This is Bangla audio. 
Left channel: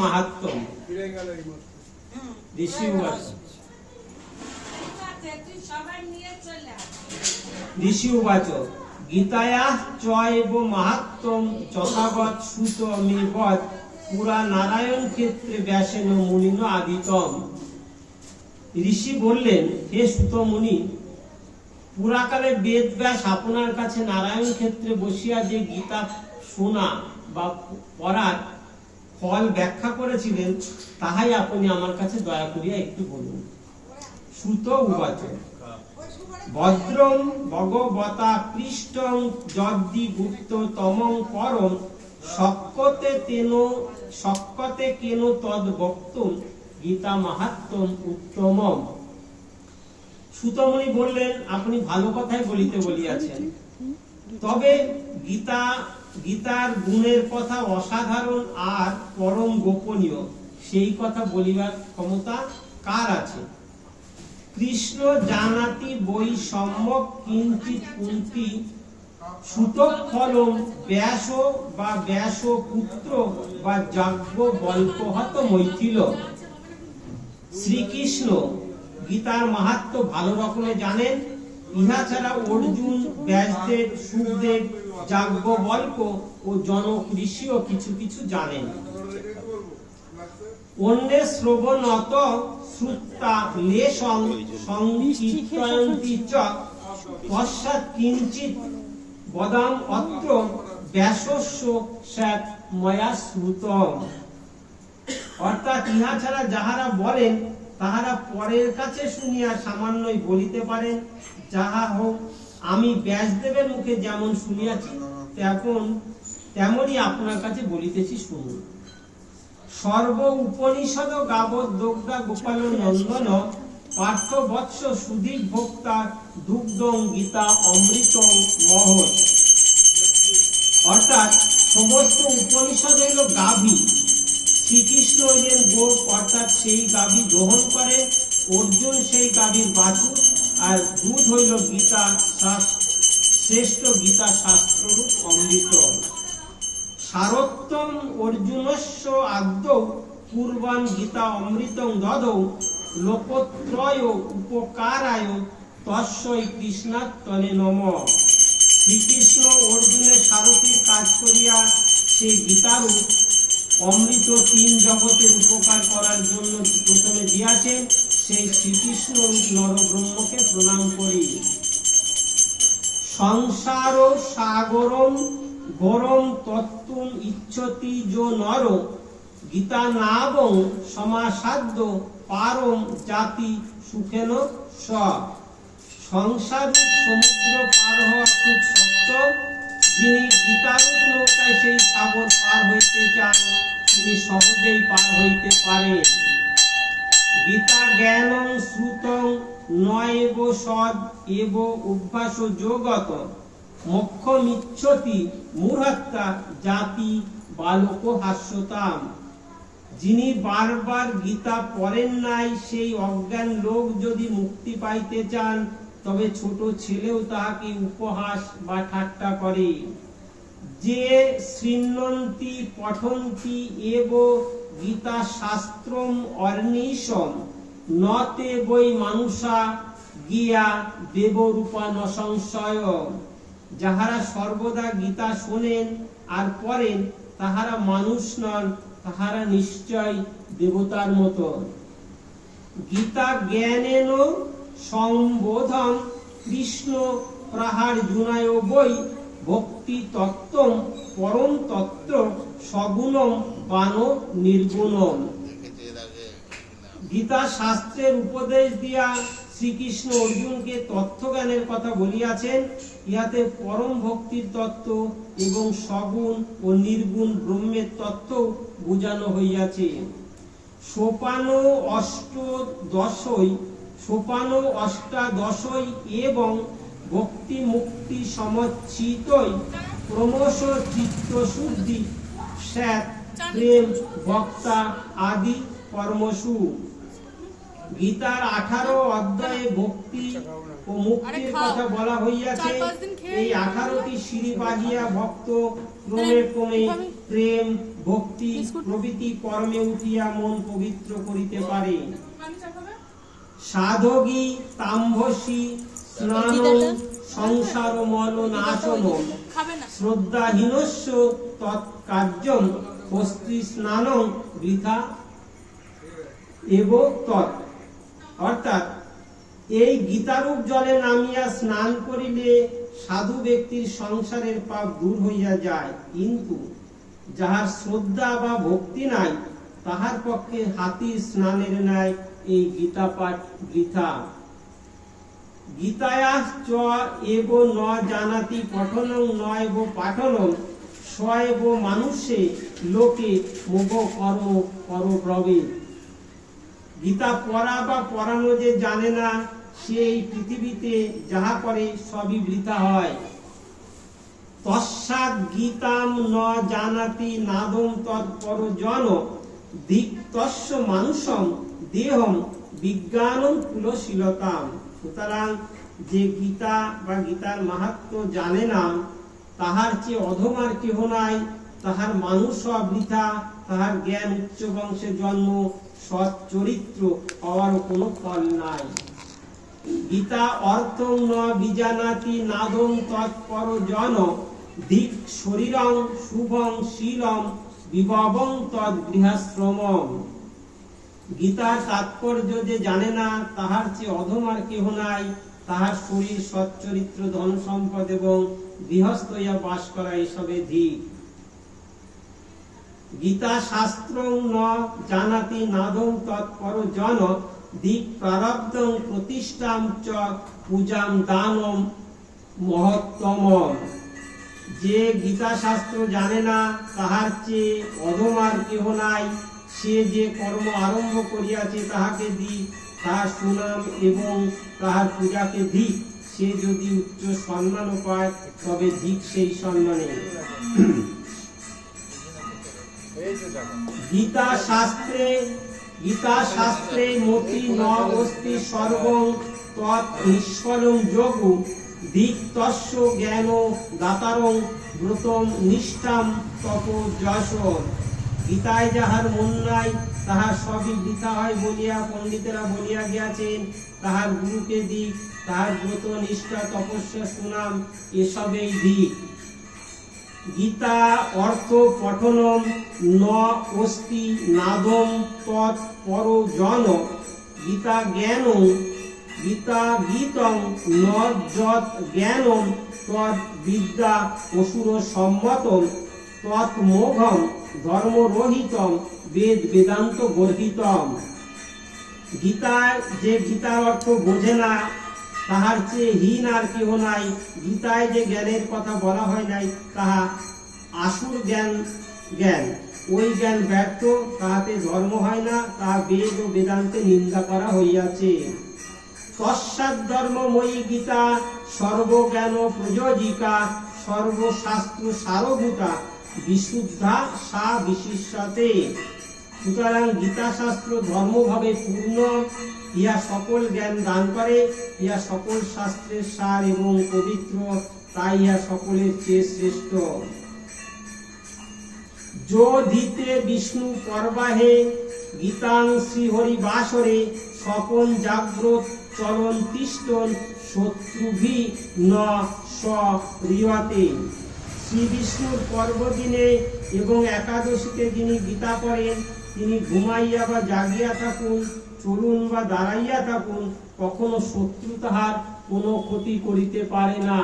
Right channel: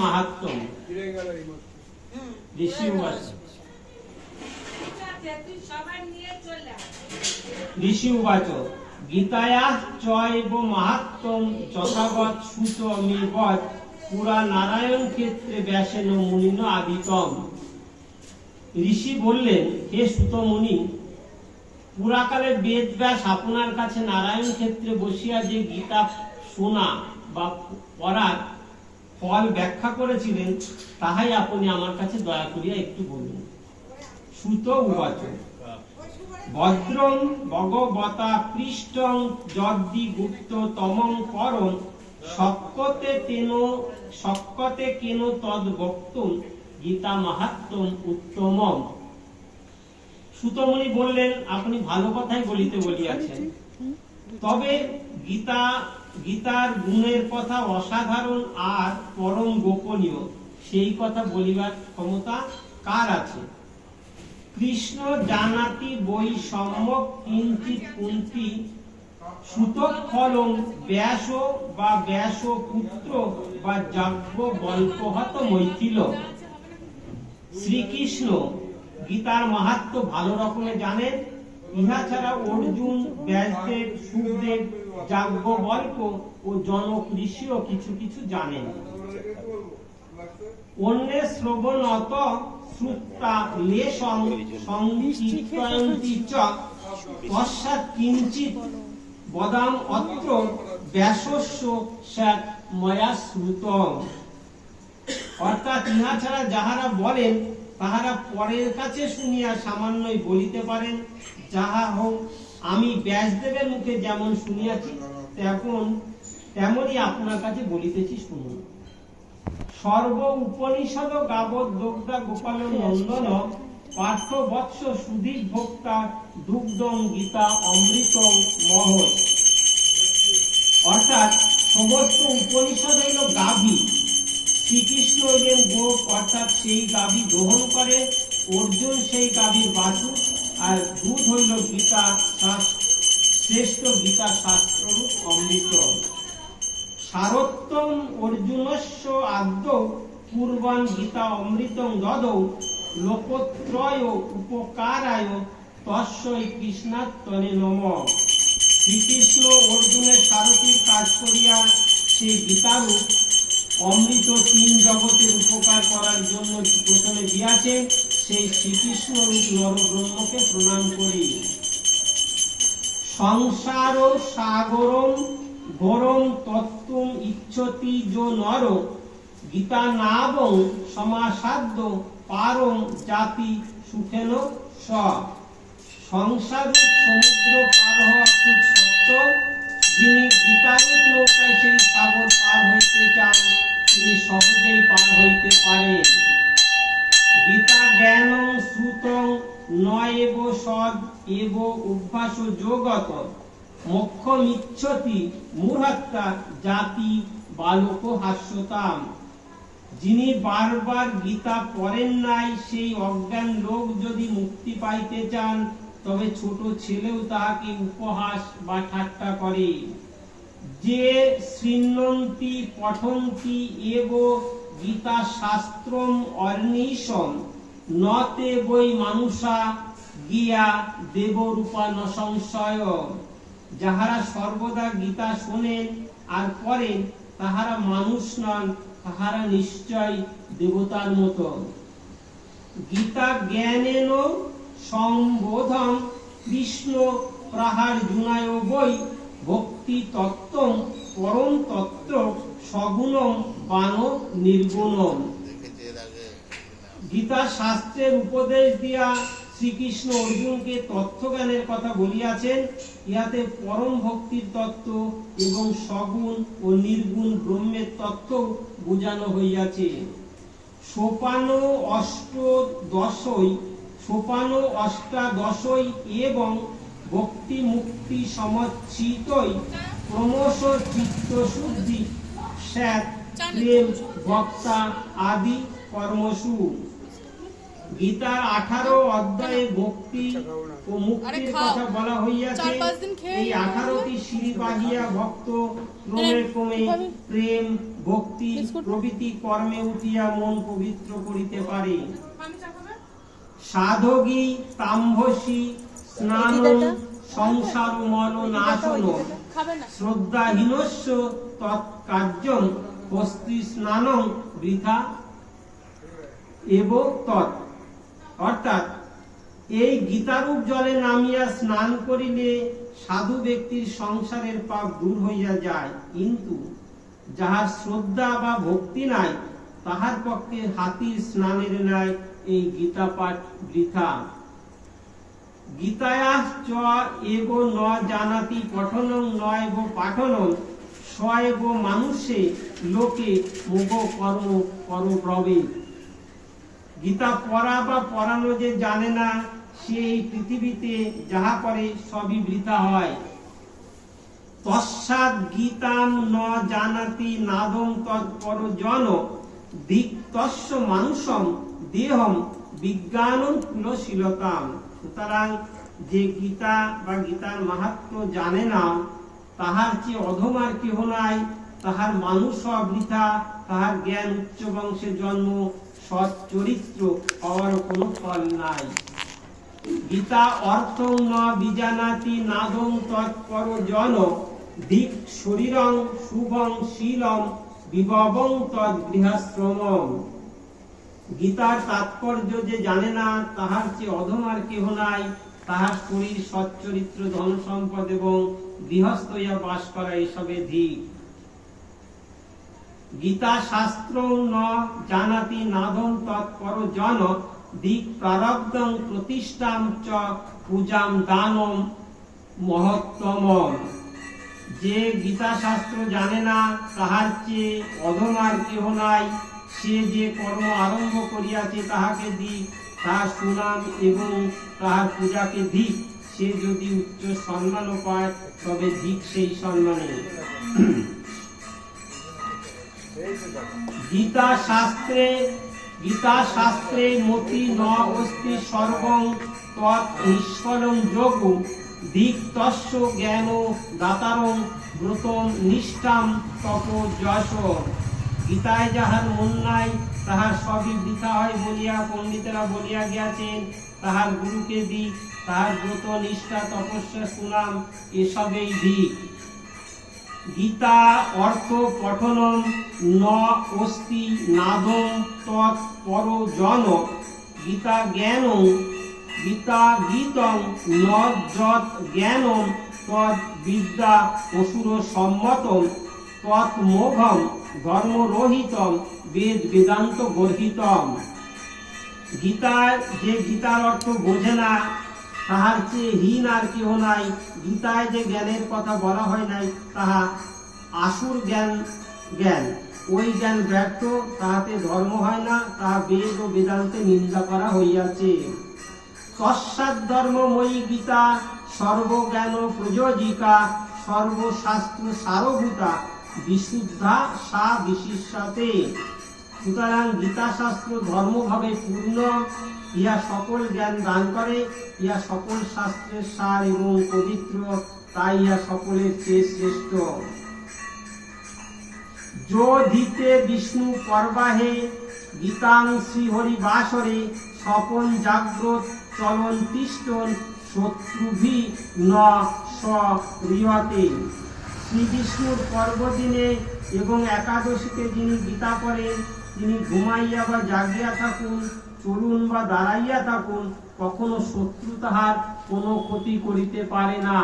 মাহাত্ম্যম ফিরে গেল এই মাত্র। ঋষি উবাচ সবাই নিয়ে চলে আয়। ঋষি উবাচ গীতায়া চৈব যথাবৎ সুত পুরা নারায়ণ ক্ষেত্রে ব্যাসেন মুনিন আদিতম ঋষি বললেন, হে সুত মুনি পুরাকালে বেদ ব্যাস আপনার কাছে নারায়ণ ক্ষেত্রে বসিয়া যে গীতা শোনা বা পড়ার ফল ব্যাখ্যা করেছিলেন, তাহাই আপনি আমার কাছে দয়া করিয়া একটু বলুন। সুত উবাচ। ভদ্রং ভগবতা পৃষ্ঠং যদ্দি গুপ্ত তমং পরম শক্কতে তেন শক্কতে কেন তদ বক্তুম, গীতা মাহাত্ম্যম উত্তমম। সুতমণি বললেন, আপনি ভালো কথাই বলিতে বলিয়াছেন। তবে গীতা গীতার গুণের কথা অসাধারণ আর পরম গোপনীয়। সেই কথা বলিবার ক্ষমতা কার আছে? কৃষ্ণ জানাতি বই সম্যক কিঞ্চিত কুন্তি সুতক ফলম ব্যাস বা ব্যাস পুত্র বা যজ্ঞ গল্পহত মৈথিল। শ্রীকৃষ্ণ গীতার মাহাত্ম ভালো রকমে জানেন, ইহা ছাড়া অর্জুন, ব্যাসদেব, সুখদেব যাজ্ঞ গল্প ও জনক ঋষিও কিছু কিছু জানেন। অন্যে শ্রবণত চ পশ্চাৎ কিঞ্চিত বদাম অত্র ব্যাসস্য স্যাৎ ময়া শ্রুতম। অর্থাৎ ইহা ছাড়া যাহারা বলেন, তাহারা পরের কাছে শুনিয়া সামান্যই বলিতে পারেন, যাহা হোক আমি ব্যাসদেবের মুখে যেমন শুনিয়াছি, তেমন তেমনই আপনার কাছে বলিতেছি শুনুন। সর্ব উপনিষদ গাবত দগ্ধা গোপাল নন্দন, পার্থ বৎস সুদীপ ভোক্তা দুগ্ধম গীতা অমৃতং মহৎ। অর্থাৎ সমস্ত উপনিষদ হইল গাভী। শ্রীকৃষ্ণ হইলেন গোপ, অর্থাৎ সেই গাভী গ্রহণ করে অর্জুন সেই গাভীর বাছুর আর দুধ হইল গীতা শ্রেষ্ঠ গীতা শাস্ত্ররূপ অমৃত। সারোত্তম অর্জুনস্য আদ্য পূর্বান গীতা অমৃতং দদৌ লোকত্রয় উপকারায় তস্যই কৃষ্ণাত্তনে নম। শ্রীকৃষ্ণ অর্জুনের সারথীর কাজ করিয়া সে গীতারূপ অমৃত তিন জগতের উপকার করার জন্য প্রথমে দিয়াছেন। সেই শ্রীকৃষ্ণ নরব্রহ্মকে প্রণাম করি। সংসার সাগরম গরম তত্ত্বম ইচ্ছতি যো নর, গীতা নাবং সমাসাধ্য পারম জাতি সুখেন স সংসার সমুদ্র পার হওয়া খুব শক্ত যিনি গীতারূপ নৌকায় সেই সাগর পার হইতে চান, তিনি সহজেই পার হইতে পারেন। গীতা জ্ঞানং শ্রুতং নয়েব সদ এব অভ্যাস যোগত। মোক্ষমিচ্ছতি জাতি বালক হাস্যতাম। যিনি বারবার গীতা পড়েন নাই, সেই অজ্ঞান লোক যদি মুক্তি পাইতে চান, তবে ছোট ছেলেও তাহাকে উপহাস বা ঠাট্টা করে। যে শৃণ্বন্তি পঠন্তি এব গীতা শাস্ত্রম অর্নিশম নতে বই মানুষা গিয়া দেবরূপা ন সংশয় যাহারা সর্বদা গীতা শোনেন আর পড়েন, তাহারা মানুষ নন, তাহারা নিশ্চয় দেবতার মতো। গীতা জ্ঞানেন সম্বোধন কৃষ্ণ প্রহার জুনায় বই ভক্তি তত্ত্ব পরম তত্ত্ব, সগুণম বান নির্গুণম। গীতা শাস্ত্রের উপদেশ দিয়া শ্রীকৃষ্ণ অর্জুনকে তত্ত্বজ্ঞানের কথা বলিয়াছেন। ইহাতে পরম ভক্তির তত্ত্ব এবং সগুণ ও নির্গুণ ব্রহ্মের তত্ত্ব বোঝানো হইয়াছে। সোপান অষ্টদশই, সোপান অষ্টাদশই এবং ভক্তি মুক্তি সমচ্ছিতই ক্রমশ চিত্ত শুদ্ধি স্যাত প্রেম ভক্তা আদি কর্মসু। গীতার আঠারো অধ্যায়ে ভক্তি ও মুক্তির কথা বলা হইয়াছে এই আঠারোটি সিঁড়ি বাহিয়া ভক্ত ক্রমে ক্রমে প্রেম ভক্তি প্রভৃতি কর্মে উঠিয়া মন পবিত্র করিতে পারে। সাধকী তাম্ভসী স্নান সংসার মল নাশন। শ্রদ্ধাহীনস্য তৎকার্যম হস্তি স্নানং বৃথা এব তৎ। অর্থাৎ এই গীতারূপ জলে নামিয়া স্নান করিলে সাধু ব্যক্তির সংসারের পাপ দূর হইয়া যায়। কিন্তু যাহার শ্রদ্ধা বা ভক্তি নাই তাহার পক্ষে হাতির স্নানের ন্যায় এই গীতা পাঠ বৃথা। গীতায়া চ এব ন জানাতি পঠনং পাঠনং মানুষে লোকে মুখ কর্ম গীতা পড়া বা পড়ানো যে জানে না, সে এই পৃথিবীতে যাহা করে সবই বৃথা হয়। তৎসাৎ গীতাম ন জানাতি নাদম তৎপর জন, দিক্তস্য মানুষম দেহম বিজ্ঞানম কুলশীলতাম। সুতরাং যে গীতা বা গীতার মাহাত্ম জানে না, তাহার চেয়ে অধমার কেহ নাই। তাহার মানুষ বৃথা তাহার জ্ঞান উচ্চ বংশে জন্ম, সৎ চরিত্র হওয়ার কোনো ফল নাই। গীতা অর্থ ন বিজানাতি নাদম তৎপর জন দিক শরীরং শুভং শীলং, বিভবং তৎ গৃহাশ্রমম গীতার তাৎপর্য যে জানে না, তাহার চেয়ে অধমার কেহ নাই। তাহার শরীর সচ্চরিত্র ধন সম্পদ এবং গৃহস্থ হইয়া বাস করা এসবে ধিক গীতা শাস্ত্র ন জানাতি নাদং তৎপর জন দিক প্রারব্ধং প্রতিষ্ঠাম চ পূজাম দানম মহত্তম যে গীতা শাস্ত্র জানে না, তাহার চেয়ে অধমার কেহ নাই। সে যে কর্ম আরম্ভ করিয়াছে তাহাকে দি, তাহার সুনাম এবং তাহার পূজাকে দিক সে যদি উচ্চ সম্মানও পায়, তবে দিক সেই সম্মানে। গীতা শাস্ত্রে গীতা শাস্ত্রে মতি ন অস্তি সর্বং তৎ নিষ্ফলং যোগ। দিক তস্য জ্ঞান দাতারং ব্রতম নিষ্ঠাম তপ যশ। গীতায় যাহার মন নাই, তাহার সবই বৃথা হয় বলিয়া পণ্ডিতেরা বলিয়া গিয়াছেন, তাহার গুরুকে দিক, তাহার ব্রত, নিষ্ঠা, তপস্যা, সুনাম, এসবেই দিক। গীতা অর্থ পঠনম ন অস্তি নাদম তৎ পর জন। গীতা জ্ঞান গীতা গীতং ন যৎ জ্ঞানম, তৎ বিদ্যা অসুর সম্মতম, তৎ মোঘম। ধর্মরহিতম, বেদ বেদান্ত গর্হিতম। গীতার যে গীতার অর্থ বোঝে না, তাহার চেয়ে হীন আর কেহ নাই। গীতায় যে জ্ঞানের কথা বলা হয় নাই, তাহা আসুর জ্ঞান জ্ঞান। ওই জ্ঞান ব্যর্থ, তাহাতে ধর্ম হয় না তাহা বেদ ও বেদান্তে নিন্দা করা হইয়াছে। তৎসাৎ ধর্মময়ী গীতা সর্বজ্ঞান ও প্রযোজিকা, সর্বশাস্ত্র সারভূতা। বিশুদ্ধা সা বিশিষ্যতে। সুতরাং গীতাশাস্ত্র ধর্মভাবে পূর্ণ। ইহা সকল জ্ঞান দান করে, ইহা সকল শাস্ত্রের সার এবং পবিত্র, তাই ইহা সকলের চেয়ে শ্রেষ্ঠ। যোধিতে বিষ্ণু পর্বাহে, গীতাং শ্রীহরি বাসরে স্বপন জাগ্রত চলন তিষ্টন শত্রুভি ন সরিয়তে শ্রী বিষ্ণুর পর্বদিনে এবং একাদশীতে যিনি গীতা করেন তিনি ঘুমাইয়া বা জাগিয়া থাকুন, চলুন বা দাঁড়াইয়া থাকুন, কখনো শত্রু তাহার কোনো ক্ষতি করিতে পারে না।